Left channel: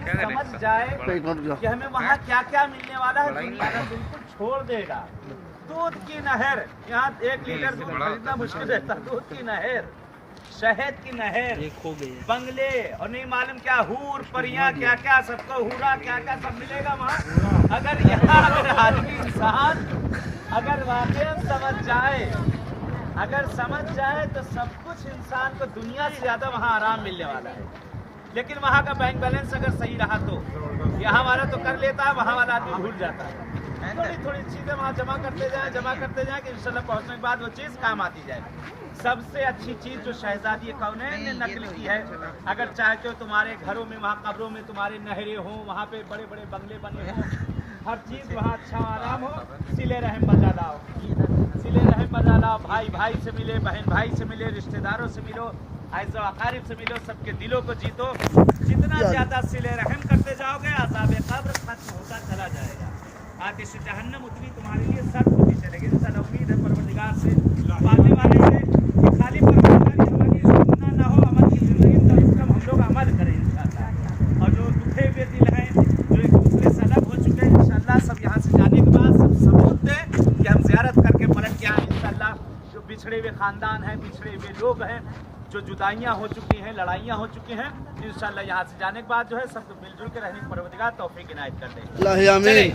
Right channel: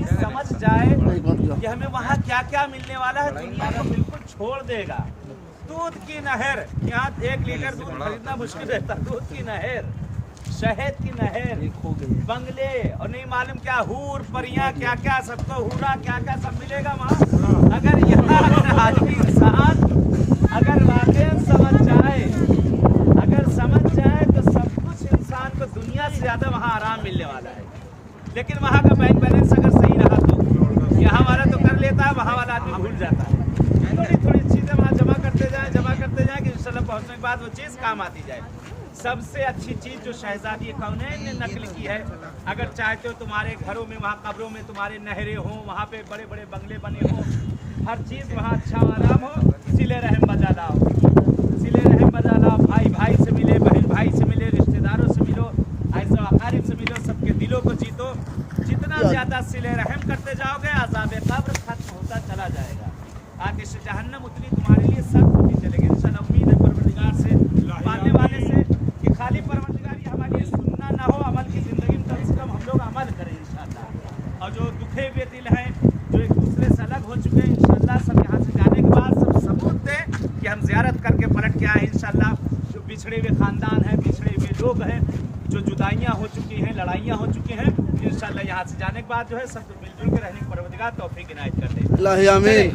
आदमी समझ जाए कि हमें वहाँ क्या क्या मिलने वाला है, दुनिया को बिल्कुल छोड़ देगा। दूध की नहर, यहाँ 1 लीटर दूध खरीदना मुश्किल रहता, दूध की नहर, शहद की नहर, बंगले और नहीं मालूम क्या हूर परियां क्या क्या, सबको हूरा क्या क्या सब मिलेगा वहाँ। अगर यहाँ आदमी इंसान अगर वाकई समझ जाए तो सब कुछ इंसान को दुनिया से ज्यादा वहाँ आराम मिलने वाला है। लेकिन वहाँ का बैंक बैलेंस अगर सही रहा तो यहाँ वाला तो कर लेता है, वहाँ वाला आदमी भूल जाता है। थोड़ी थोड़ी चीजें वहाँ जमा करते जाए कि इंशाल्लाह पहुँचने के बाद वो चीज़ काम आती जाए। सबसे अच्छी चीज़ जो शहजादी कौने ने नकल की है, अगर चाहते हो तुम्हारे घरों में, वहाँ कब्रों में तुम्हारे नहरें हों, वहाँ पे बड़े बड़े बंगले बने हों, हर चीज़ वहाँ अच्छा आराम हो, सिले रहम बजा लाओ, सिले रहम बजा लाओ। भाई भाई से मिले, बहन भाई से मिले, रिश्तेदारों से मिलो, ऐसा अकारिब से मिलो, सबके दिलों को जीतो। जितना ज़्यादा सिले रहम करते जाओगे अज़ाब कब्र खत्म होता चला जाएगा। आतिश जहन्नम उतनी तुम्हारे लिए सख्त होती चलेगी। इंशाअल्लाह उम्मीद है परवरदिगार से, पालने वाले से, कि खाली परवरदिगार ने हमारी सुनना ना हो, अमल की ज़िंदगी में कम से कम हम लोग अमल करें इंशाअल्लाह। और जो दुखे हुए दिल हैं, जो एक दूसरे से अलग हो चुके हैं, इंशाअल्लाह सब यहाँ से जाने के बाद सब सबूत दें कि हम ज़ियारत करके पलट के आए इंशाअल्लाह। जो बिछड़े हुए ख़ानदान हैं, बिछड़े हुए लोग हैं, जो जुदाइयाँ हो चुकी हैं, लड़ाइयाँ हो चुकी हैं, इंशाअल्लाह यहाँ से जाने के बाद जो है सबको मिलजुल के रहने की परवरदिगार तौफीक इनायत कर दे।